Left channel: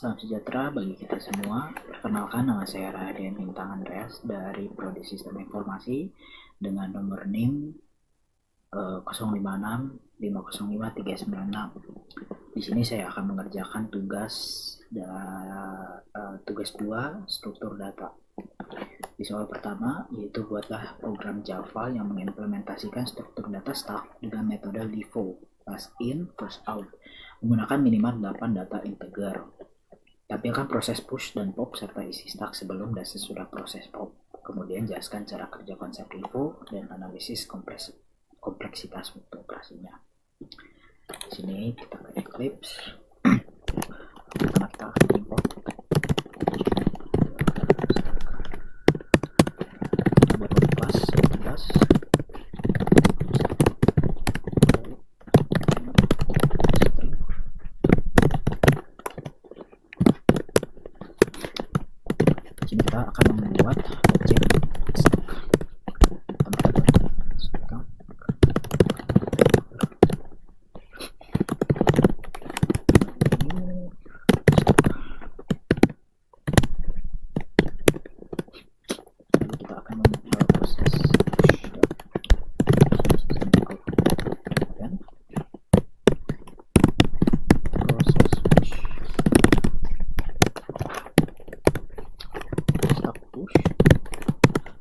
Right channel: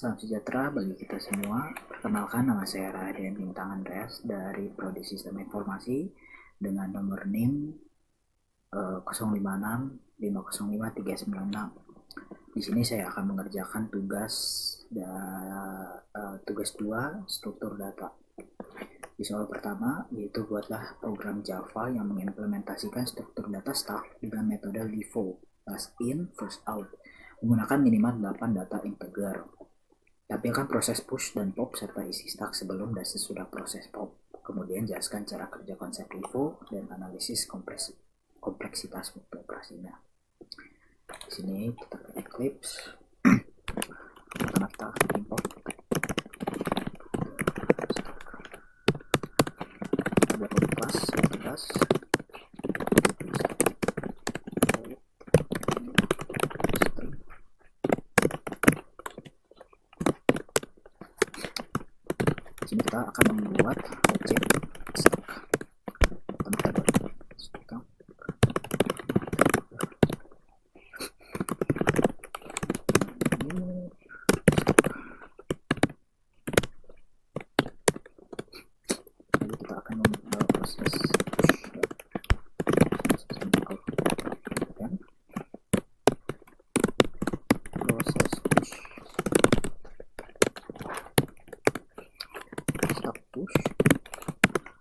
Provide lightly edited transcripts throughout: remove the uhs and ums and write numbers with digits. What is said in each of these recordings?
Salam sejahtera bagi kita semua. Perkenalkan, nama saya Raden Bintang Andreas dari Prodi Sistem Informasi dengan nomor NIM 056 Di sini saya akan mengerjakan tugas 2 struktur data. Di soal pertama, yaitu buatlah program Java yang mengimplementasikan struktur data stack dengan metode LIFO, last in, first out, menggunakan minimal 8 data integer. Tampilkan proses push dan pop serta isi stack sebelum dan sesudah proses pop. Kemudian jelaskan cara kerja konsep LIFO dan analisis kompleksitas waktu operasinya. Di sini kita ke Eclipse. Pertama kita import. Kita buat kelas 11. Di sini kita akan membuat objek stack. Pertama kita buat stack. Lalu kita akan membuat proses push. Proses push. Stack push.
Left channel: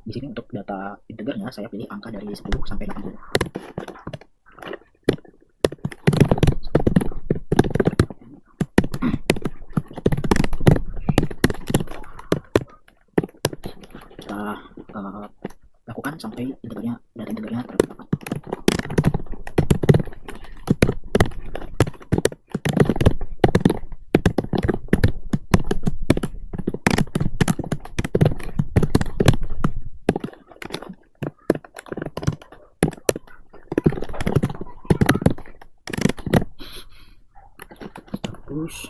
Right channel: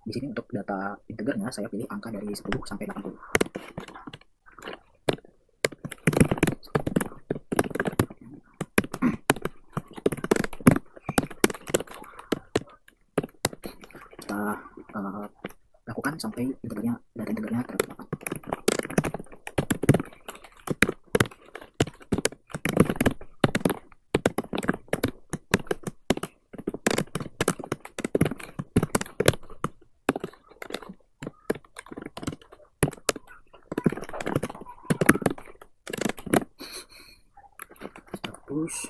Di sini untuk data integernya saya pilih angka dari 10 sampai 80. Kita lakukan sampai data integernya terdapat. Push.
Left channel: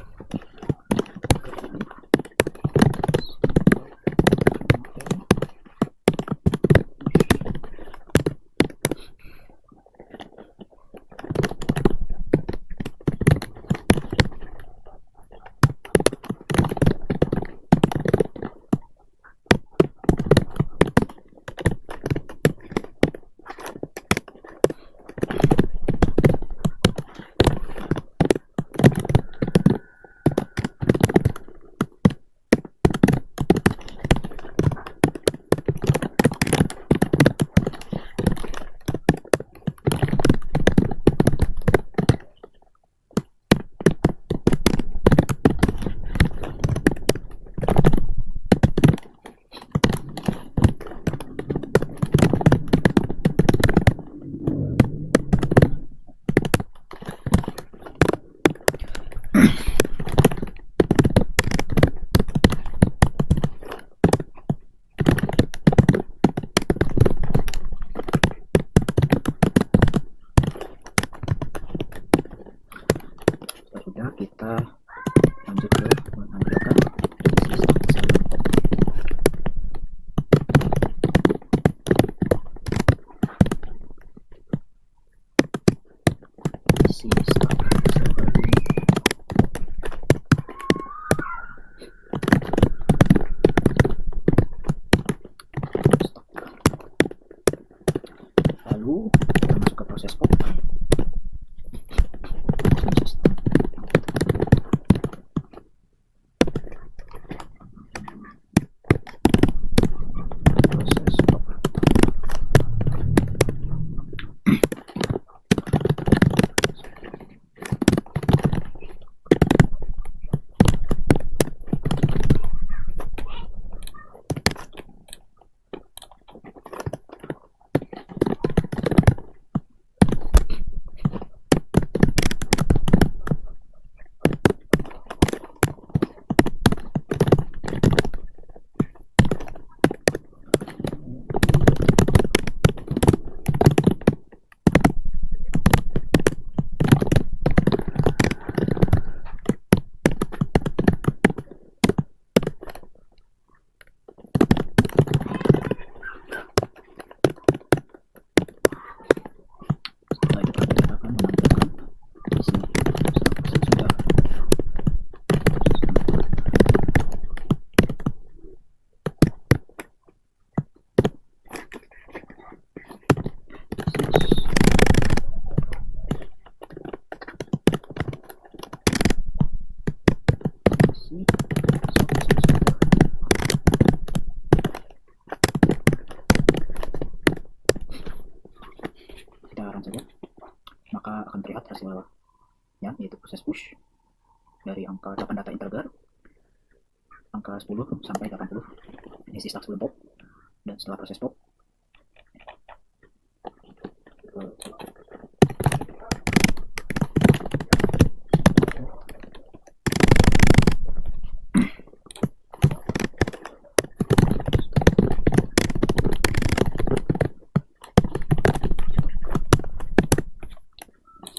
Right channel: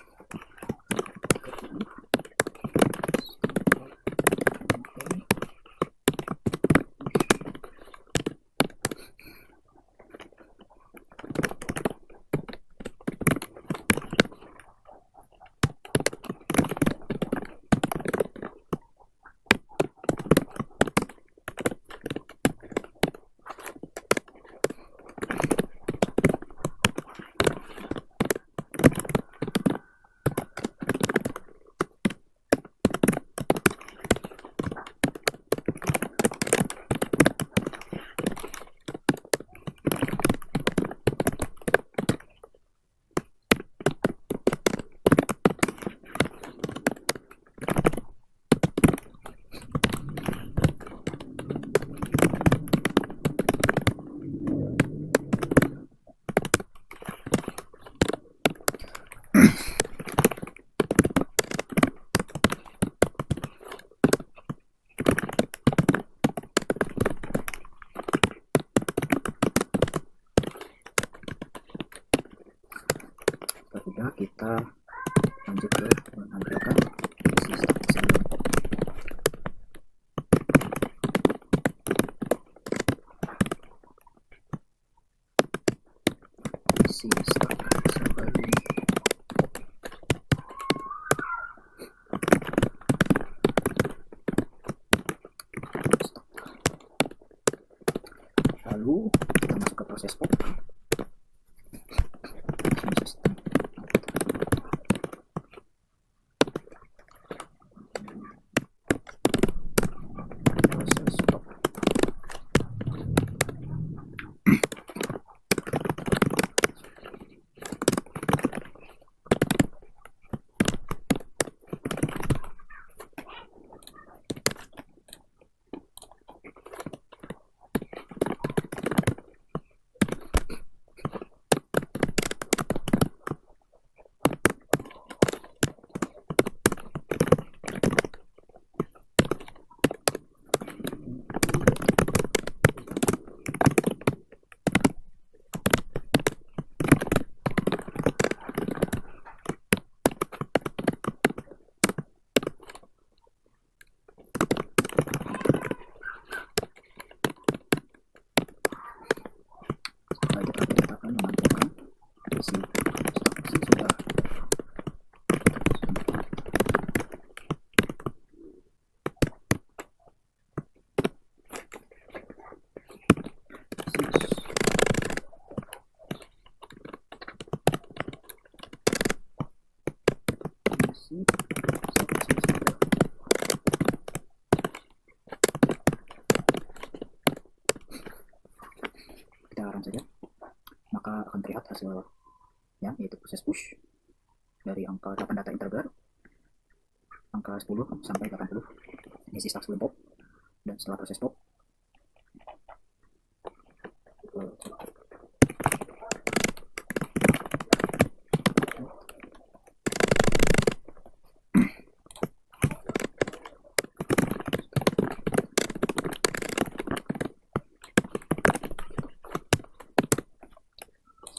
Sudah, kita lanjut ke menampilkan isi stack sebelum pop. Isi stack sebelum stack. Lalu kita masuk ke proses pop. sini, sini. Kita run saja, maka akan terlihat hasilnya, yaitu proses push dari angka 8 data integer, angka 10 sampai 80, ini si stack sebelum pop, dan setelah proses pop,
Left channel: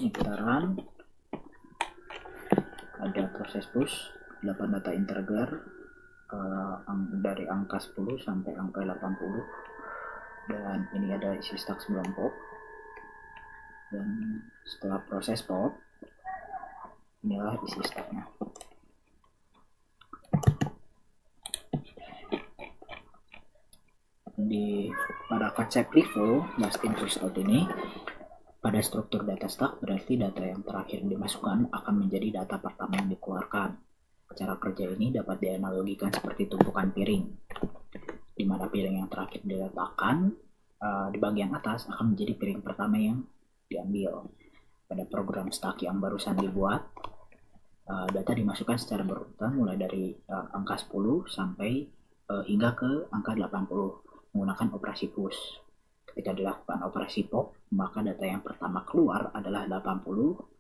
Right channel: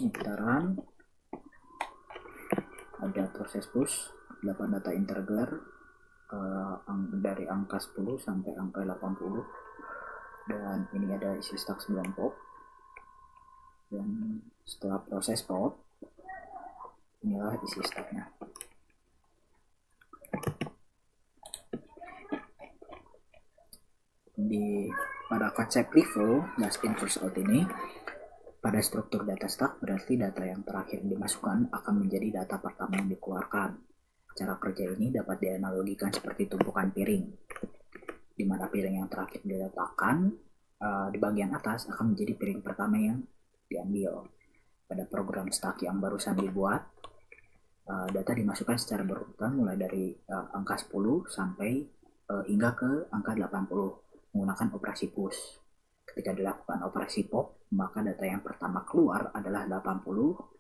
ini kita run, ada proses push 8 data integer dari angka 10 sampai angka 80, dan ini ada isi stack sebelum pop, dan setelah proses pop inilah isi stacknya. Pada konsep LIFO last in first out ini, pada struktur data stack berarti data yang terakhir dimasukkan akan menjadi data pertama yang dikeluarkan. Cara kerja ini dapat dianalogikan seperti tumpukan piring, di mana piring yang terakhir diletakkan di bagian atas akan menjadi piring pertama yang diambil. Pada program stack yang barusan dibuat, data dimasukkan secara berurutan mulai dari angka 10 sampai hingga ke angka 80 menggunakan operasi push. Ketika dilakukan operasi pop, maka data yang pertama keluar adalah 80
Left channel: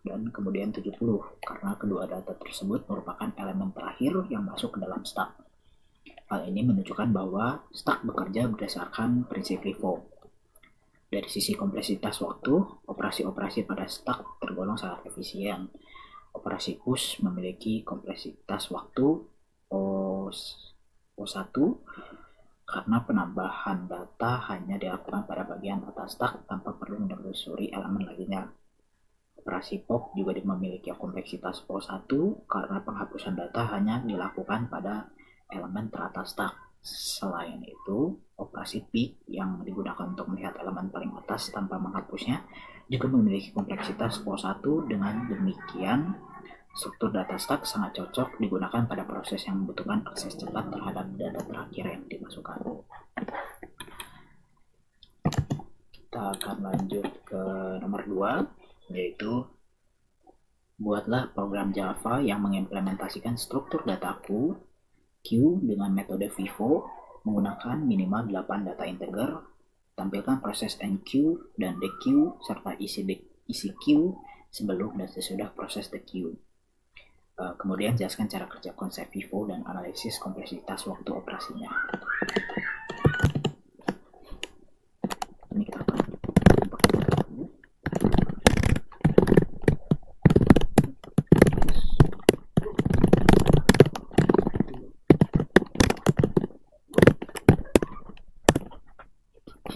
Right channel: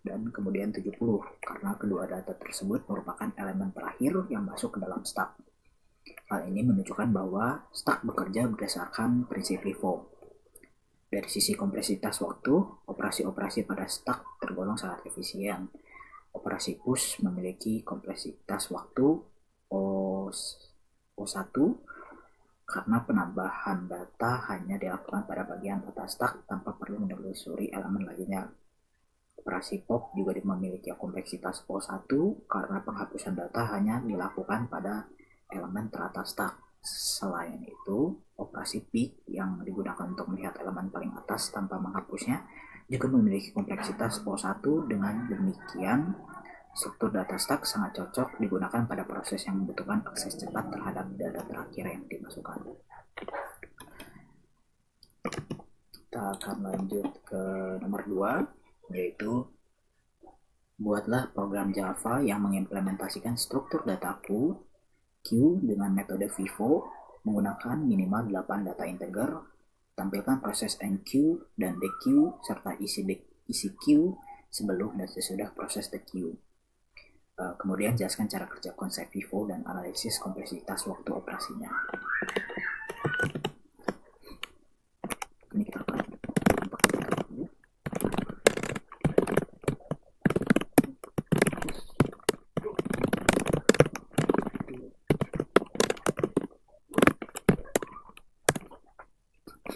dan kemudian 70, karena kedua data tersebut merupakan elemen terakhir yang masuk ke dalam stack. Hal ini menunjukkan bahwa stack bekerja berdasarkan prinsip LIFO. Dari sisi kompleksitas waktu, operasi-operasi pada stack tergolong sangat efisien. Operasi push memiliki kompleksitas waktu O1, karena penambahan data hanya dilakukan pada bagian atas stack tanpa perlu menelusuri elemen lainnya. Operasi pop juga memiliki kompleksitas O1 karena penghapusan data hanya dilakukan pada elemen teratas stack. Selain itu, operasi pick yang digunakan untuk melihat elemen paling atas tanpa menghapusnya juga memiliki kompleksitas O1. Dengan demikian, struktur data stack sangat cocok digunakan pada proses yang membutuhkan akses cepat terhadap data terakhir yang dimasukkan. Kita akan lanjut ke nomor 2, yaitu buatlah program Java yang mengimplementasikan struktur data Q dengan metode FIFO menggunakan minimal 8 data integer. Tampilkan proses enqueue dan dequeue serta isi queue sebelum dan sesudah proses dequeue. Kemudian jelaskan cara kerja konsep FIFO dan analisis kompleksitas waktu operasinya. Ini kita akan pakai data dulu.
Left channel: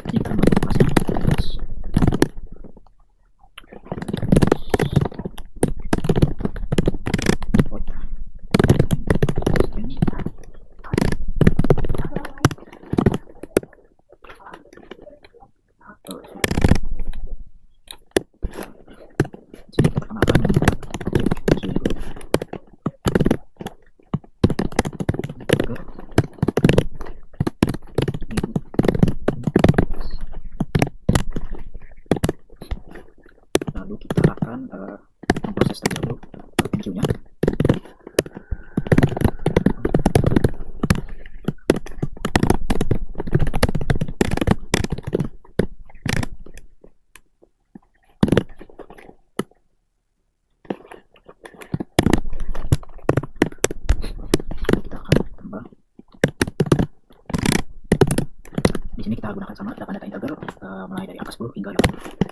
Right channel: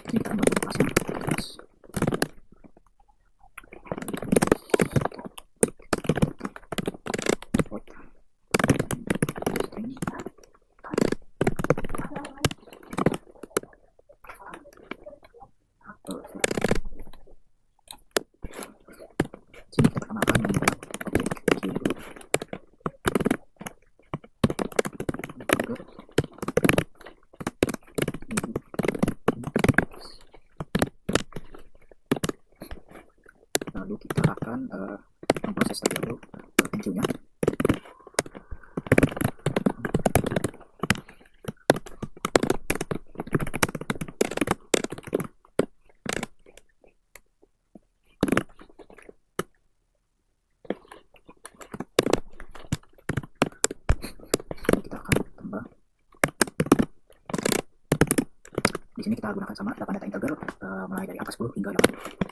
Ini kita bentuk kelasnya. Lalu kita akan memproses terlebih dahulu enqueue-nya. Kita akan tambah. Di sini kita gunakan sama 8 data integer mulai dari angka 10 hingga 80.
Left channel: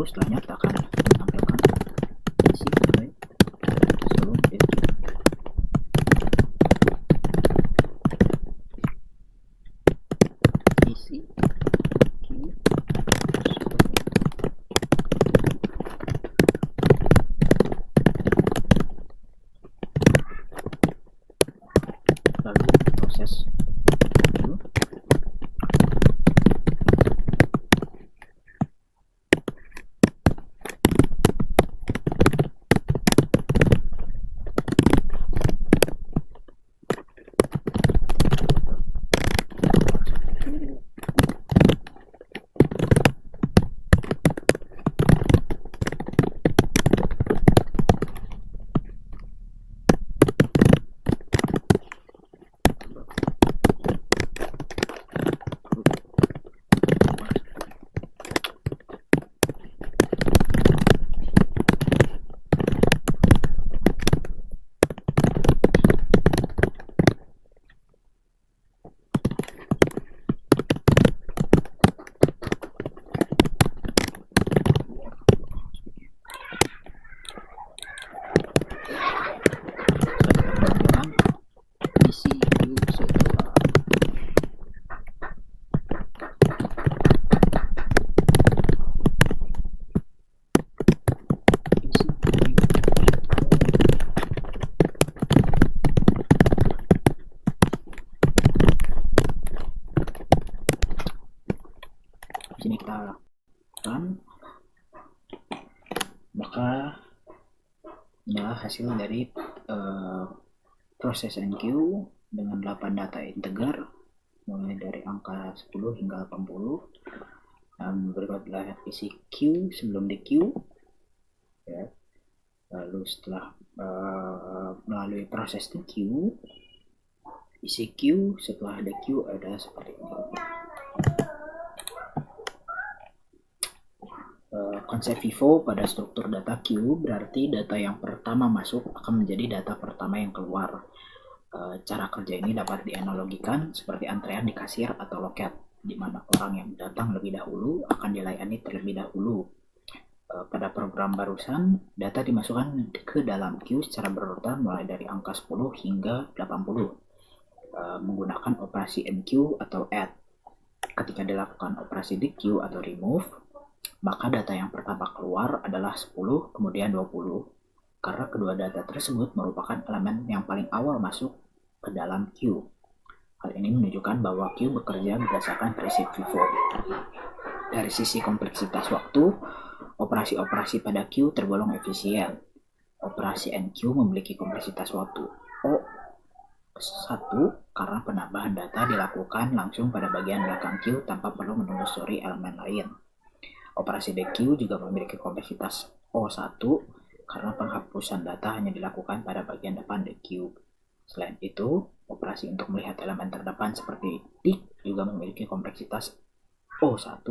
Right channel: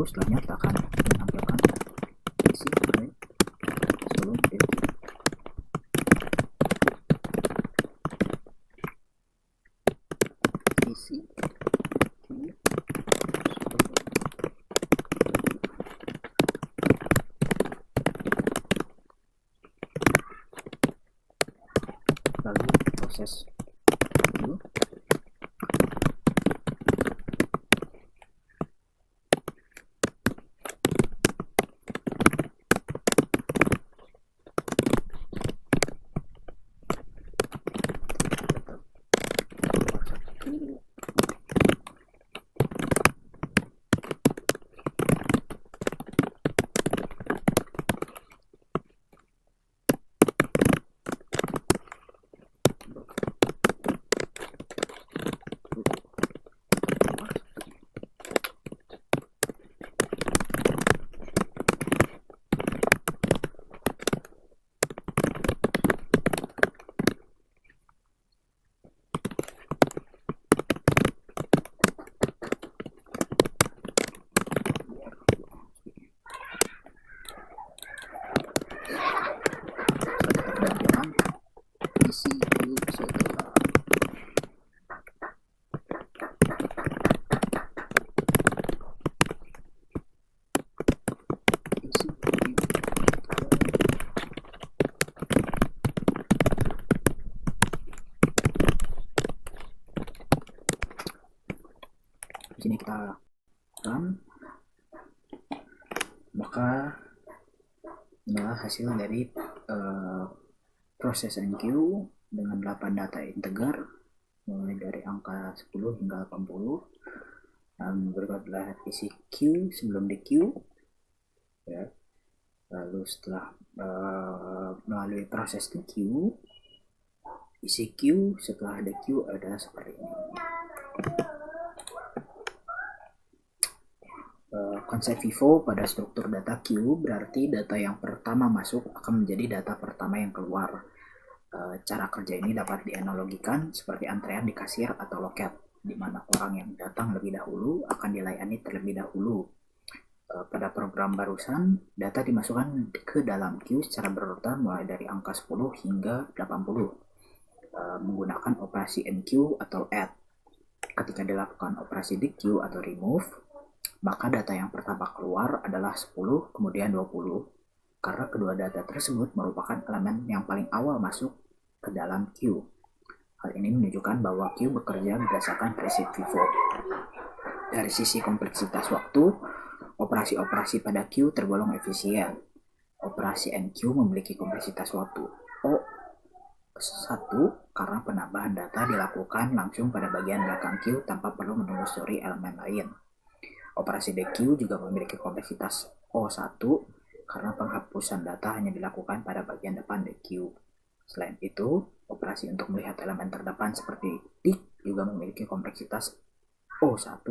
Lalu setelahnya kita akan menampilkan isi file sebelum the queue. Isi queue sebelum. Lalu proses queue. Isi queue setelah. Isi queue. Di sini kita run, maka inilah hasil dari proses NQ dengan 8 data integer mulai dari angka 10 hingga 80. Berikut adalah isi queue sebelum di queue ya. Lalu setelah melalui proses di queue, isi queue setelah ada queue adalah seperti ini. Konsep FIFO pada struktur data queue berarti data yang pertama masuk akan menjadi data pertama yang keluar. Cara kerja ini dapat dianalogikan seperti antrean di kasir atau loket, di mana orang yang datang lebih dahulu akan dilayani terlebih dahulu. Pada program barusan, data dimasukkan ke dalam queue secara berurutan mulai dari angka 10 hingga 80 menggunakan operasi enqueue atau add. Ketika dilakukan operasi dequeue atau remove, maka data yang pertama keluar adalah 10 kemudian 20 karena kedua data tersebut merupakan elemen yang paling awal masuk ke dalam queue. Hal ini menunjukkan bahwa queue bekerja berdasarkan prinsip FIFO. Dari sisi kompleksitas waktu, operasi-operasi pada queue tergolong efisien. Operasi enqueue memiliki kompleksitas waktu O1 karena penambahan data dilakukan langsung pada bagian belakang queue tanpa perlu menelusuri elemen lain. Operasi dequeue juga memiliki kompleksitas O1 karena penghapusan data hanya dilakukan pada bagian depan dequeue. Selain itu, operasi untuk melihat elemen terdepan seperti tick juga memiliki kompleksitas O1.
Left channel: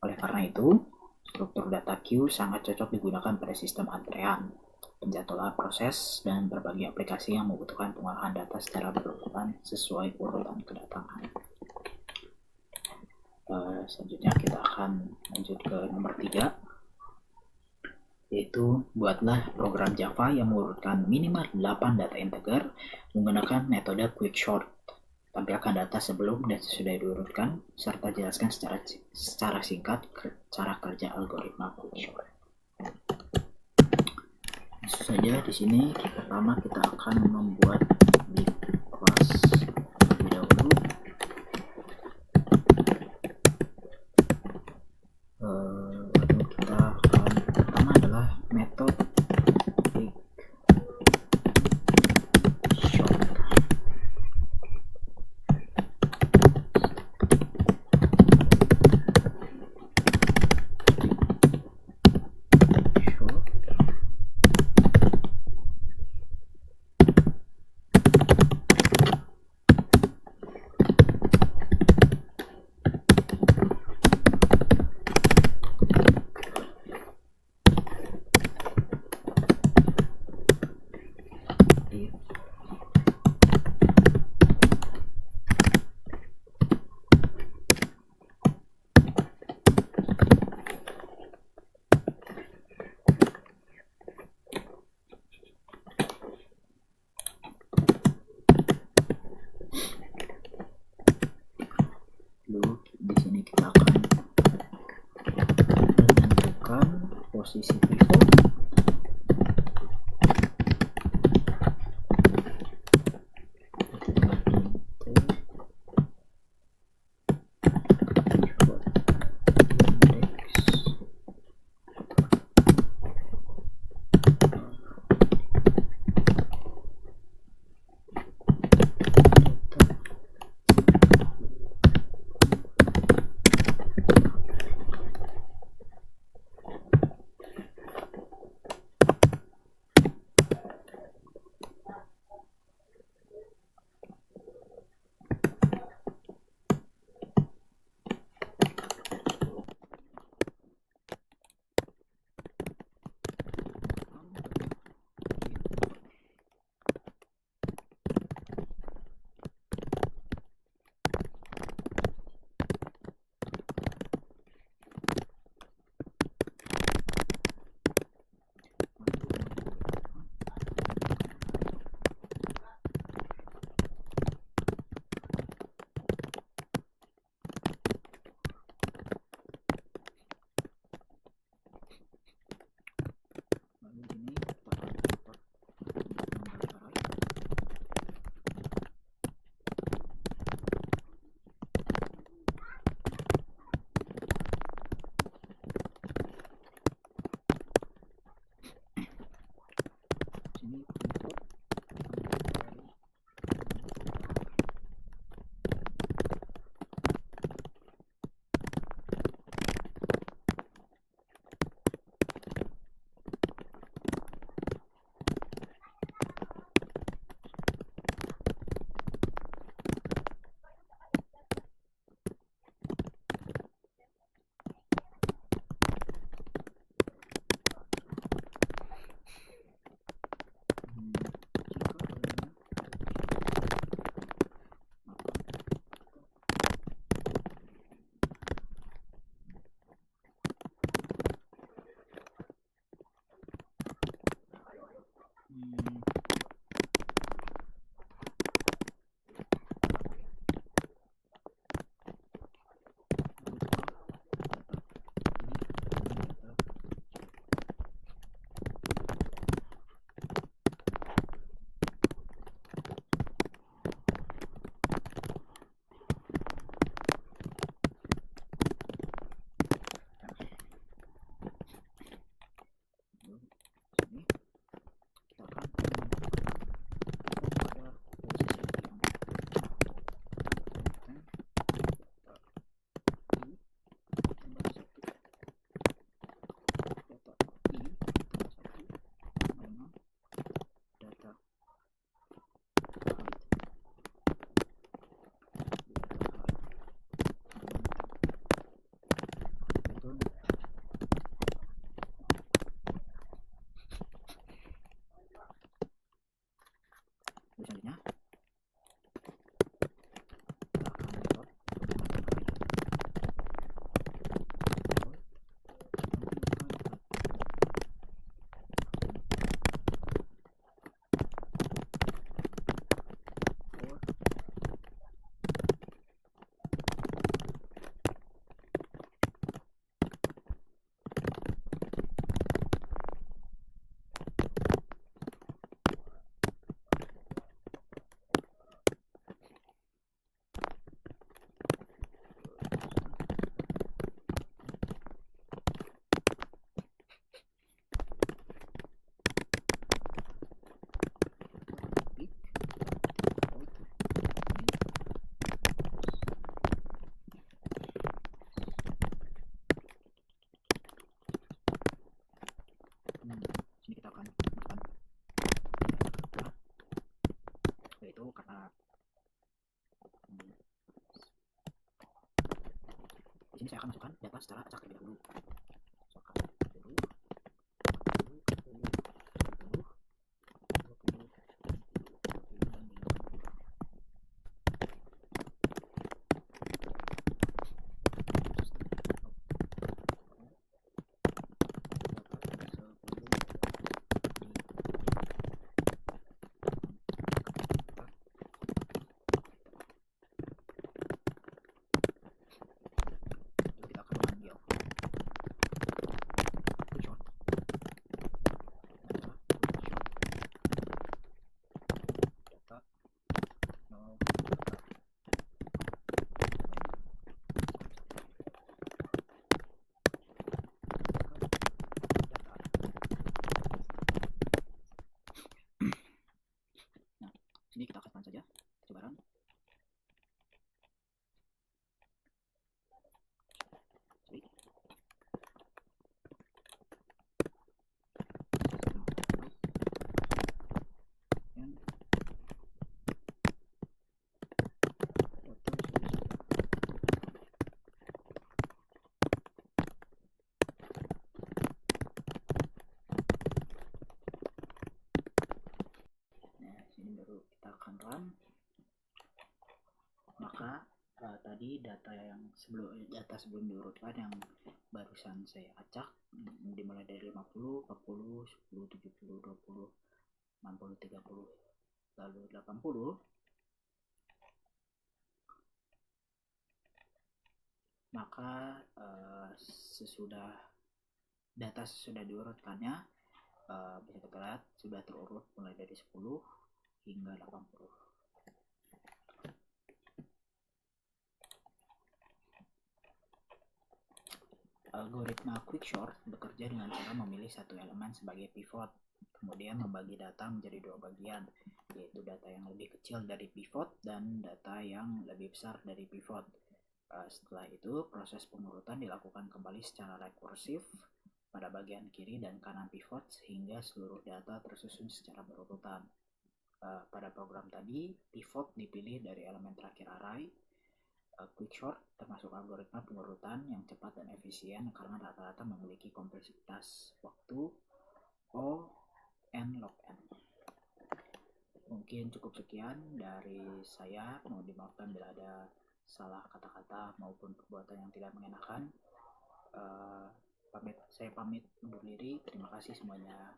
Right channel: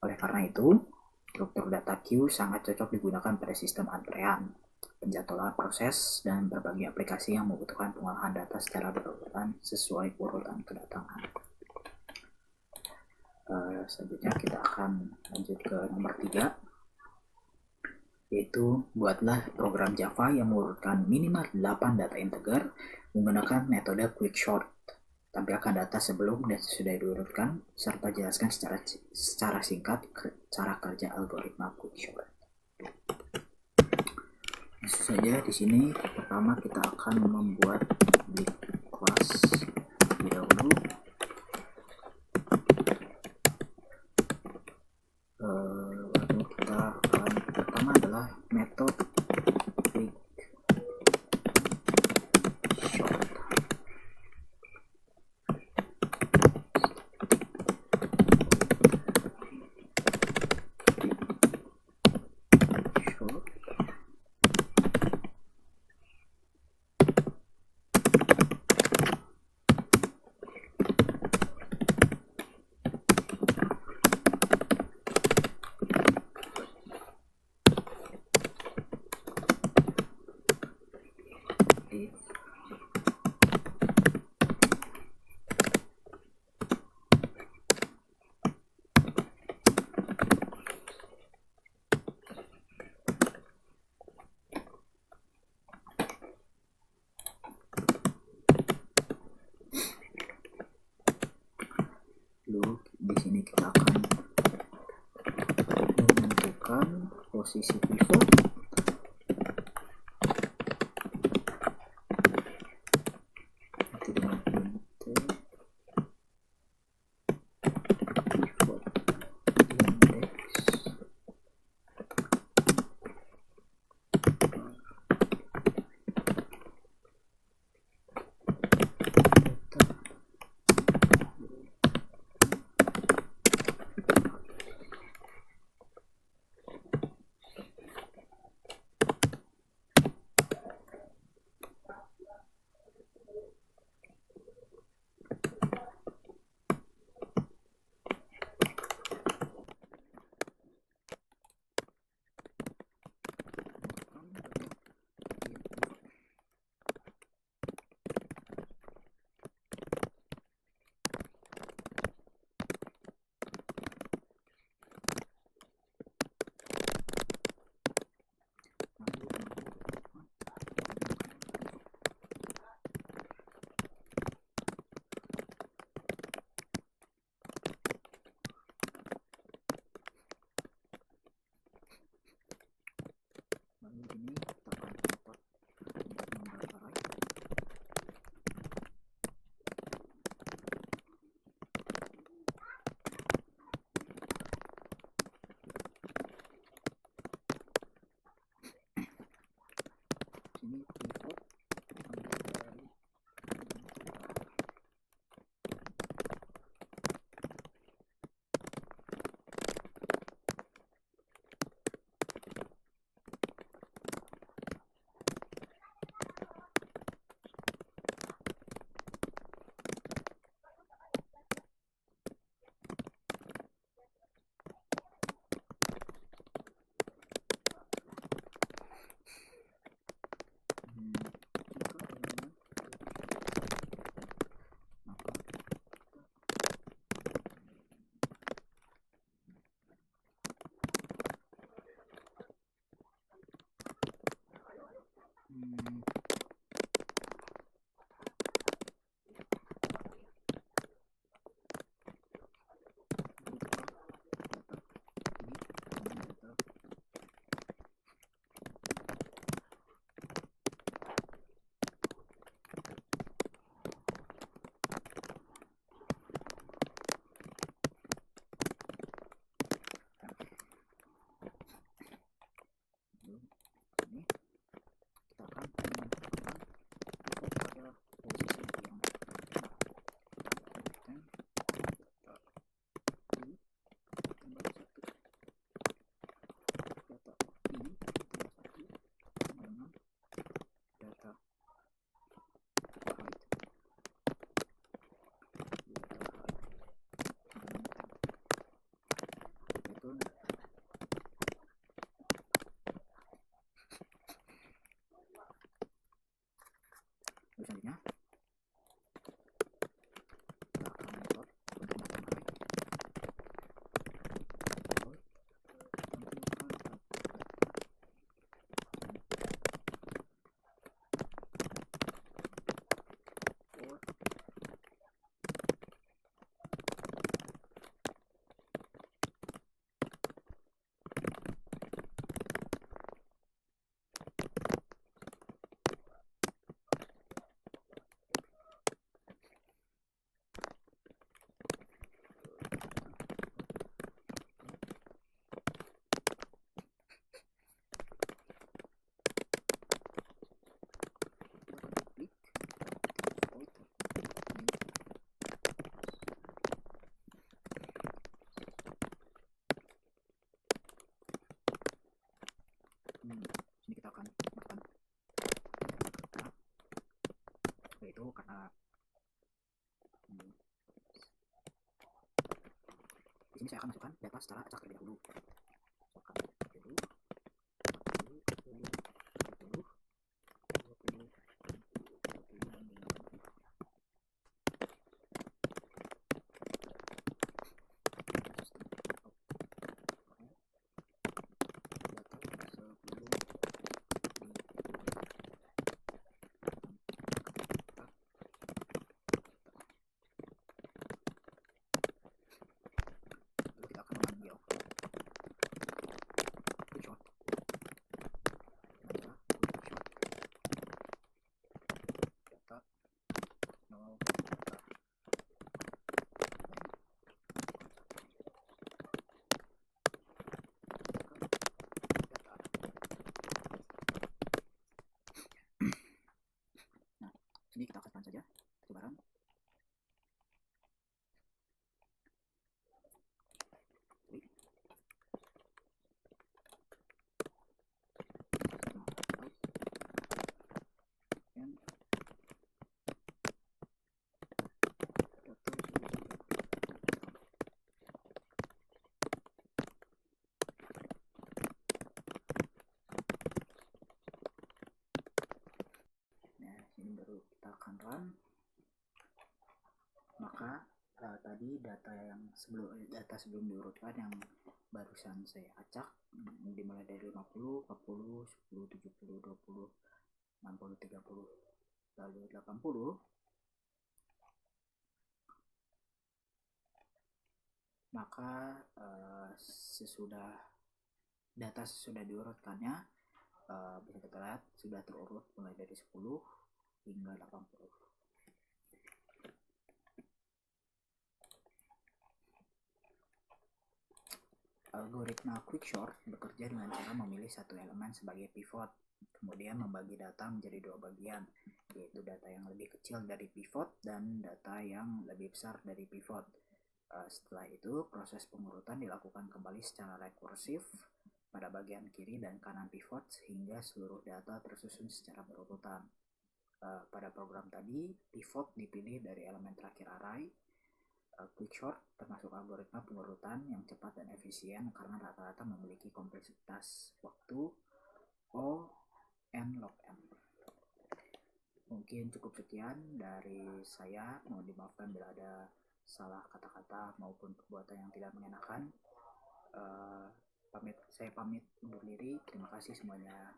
Oleh karena itu, struktur data queue sangat cocok digunakan pada sistem antrean, penjadwalan proses, dan berbagai aplikasi yang membutuhkan pengolahan data secara berurutan sesuai urutan kedatangan. Selanjutnya kita akan lanjut ke nomor 3, yaitu buatlah program Java yang mengurutkan minimal 8 data integer menggunakan metode quicksort. Tampilkan data sebelum dan sesudah diurutkan serta jelaskan secara singkat cara kerja algoritma quicksort. Langsung saja di sini pertama kita akan membuat big class terlebih dahulu. Lalu kita akan pertama adalah metode quicksort. posisi pivot. Nanti dengan int pivot index selanjutnya kita akan metode sini kita akan masukkan yaitu karena di sini saya akan masukkan data secara acak terlebih dahulu. Masukkan dulu 20, 20, 20, dan 50. Lalu kita akan memanggil lagi data sebelum diurutkan yang barusan saya acak, dimulai dari 50, 40, 10, 70, 20, 60, 30, lalu 80. Maka data sesudah diurutkannya, bisa kita lihat sudah terurut mulai dari 10 hingga 80. Algoritma quicksort bekerja dengan cara memilih satu elemen sebagai pivot, kemudian membagi data menjadi dua bagian, yaitu data yang lebih kecil dari pivot dan data yang lebih besar dari pivot. Setelah itu, proses pengurutan dilakukan kembali secara rekursif pada bagian kiri dan kanan pivot sehingga seluruh data tersusun secara berurutan. Pada program tadi, pivot dipilih dari elemen terakhir array. Quicksort termasuk algoritma pengurutan yang cepat dan efisien karena rata-rata memiliki kompleksitas waktu O n log n. Mungkin cukup sekian dari saya. Mohon dimaafkan bila ada salah kata-kata maupun perbuatan yang tidak mengenakan. Saya pamit undur diri. Terima kasih semuanya.